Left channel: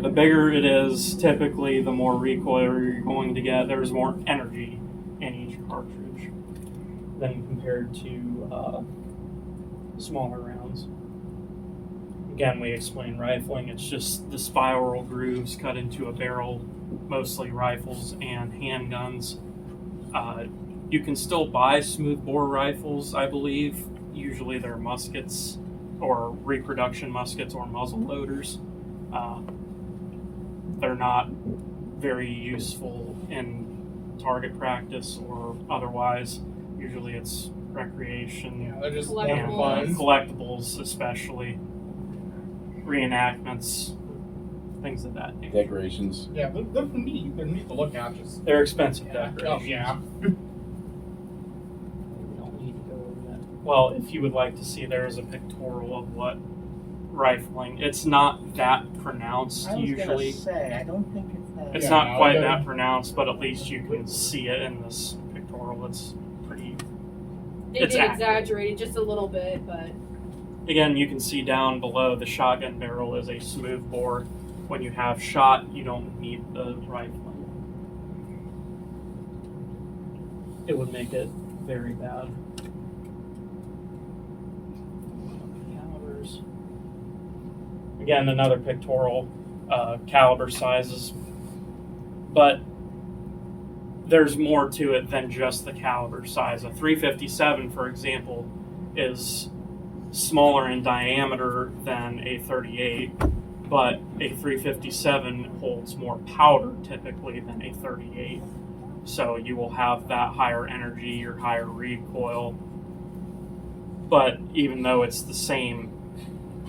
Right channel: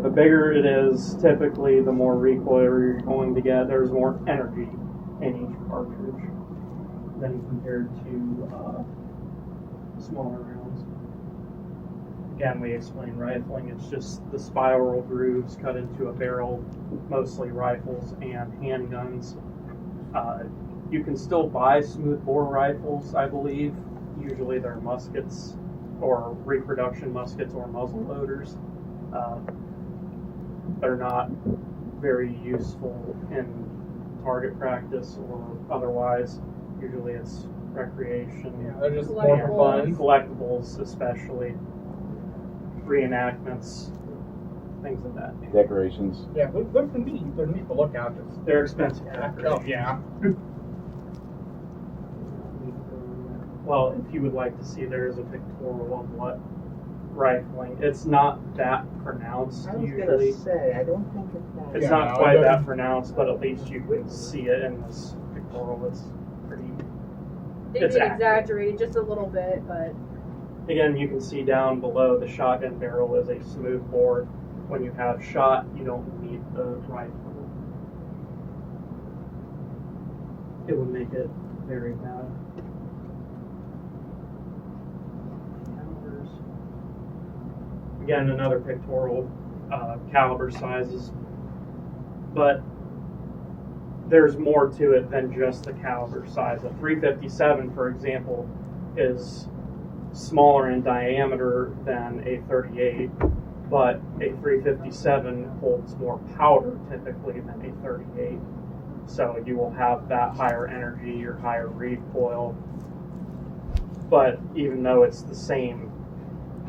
The bigger it is, typically the more recoil you're going to get. There's more energy in each cartridge than compared to smaller rounds. Again, we explain rifling. It's just the spiral grooves cut into a barrel, mostly rifles and handguns. You can still buy smoothbore rifles, I believe. Usually they're muskets or reproduction muskets or muzzle loaders. They're not very useful in target practice or otherwise. Usually it's recreation. Yeah, they're just more for fun. Collectibles, especially. Reenactments, things of that nature. Decorations. Yeah, they're neat. They're neat to look at. Just They're expensive. oh decorations. yeah. Well, if you would like to see, there's a pictorial of what rifling. It's not that pronounced I was usually. gonna say, I don't think it's that. It's Yeah, not no, quite it that doesn't. pronounced, but at least you can see it in this pictorial. It's pretty. They It's did accurate. exaggerate just a little bit, but Again, you can see down below the shotgun barrel is a smooth bore. When you have shot, you don't need the rifle. It would make it very bad. Calibers. Again, another pictorial, caliber sizes, but there's more to it than just the caliber size. A 357, for example, is smaller in diameter than a 38, but a 357 holds more powder typically than a 38. So you will have that higher energy or higher recoil. But even though it's the same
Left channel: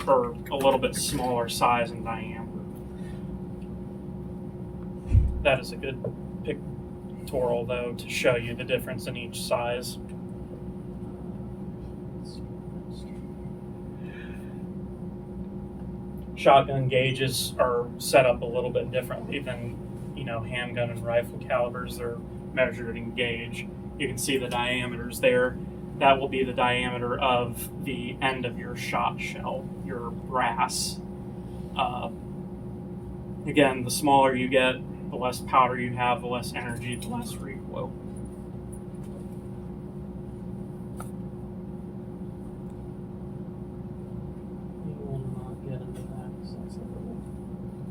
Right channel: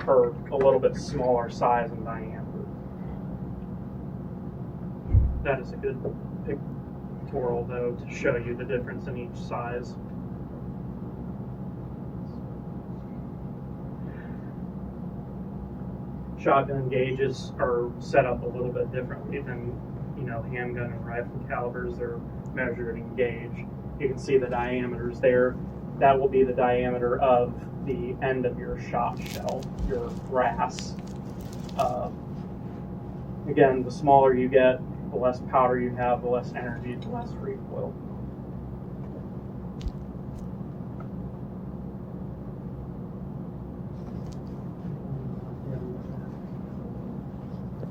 or a little bit smaller size and diameter, that is a good pictorial though to show you the difference in each size. Shotgun gauges are set up a little bit differently than, handgun and rifle calibers. They're measured in gauge. You can see the diameters there. That will be the diameter of the end of your shot shell, your brass. Again, the smaller you get, the less powder you have, the less energy, the less recoil.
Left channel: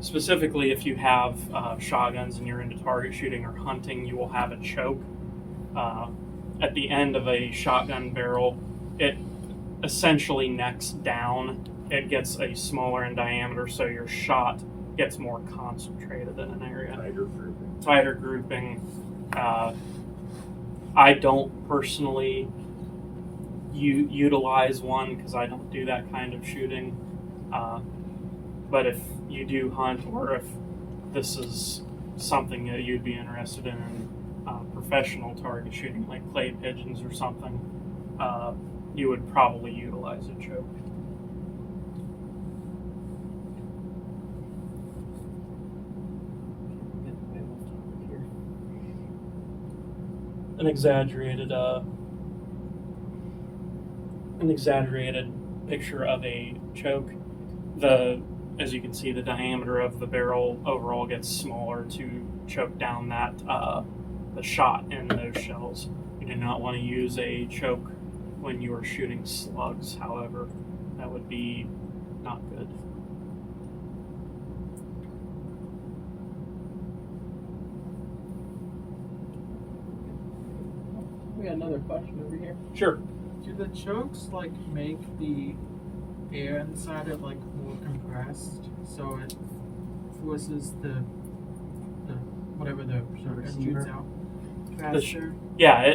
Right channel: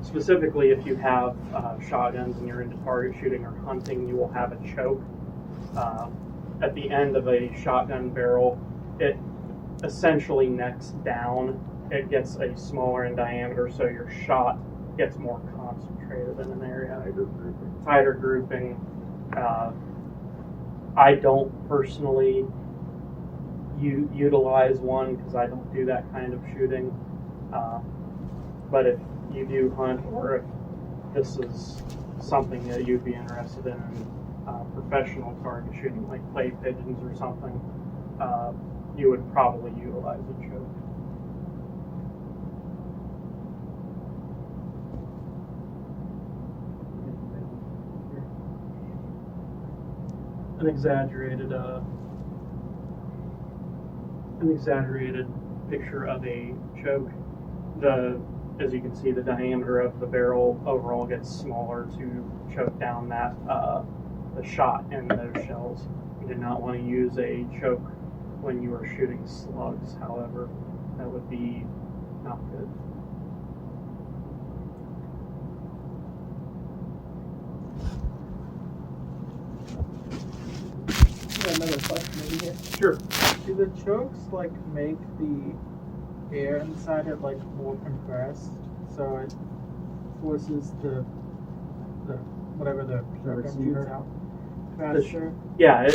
Specifically, if you have shotguns and you're into target shooting or hunting, you will have a choke. At the end of a shotgun barrel, it essentially necks down. It gets a smaller in diameter, so your shot gets more concentrated in an area. Tighter grouping. I don't personally utilize one because I don't do that kind of shooting. But if you do hunt, or if this is something that you'd be interested in professional target shooting, like clay pigeons or something, you would probably utilize a choke. An exaggerated picture of a choke. As you can see, the diameter of the barrel overall gets smaller to choke down that the shot in those shells. You do not want to use a choke when you are shooting slugs, however. That would be not good. Another question over here. Sure. Do the chokes make the air inside it more compressed, so it forces the whatever the shotgun shoots out faster? Yeah.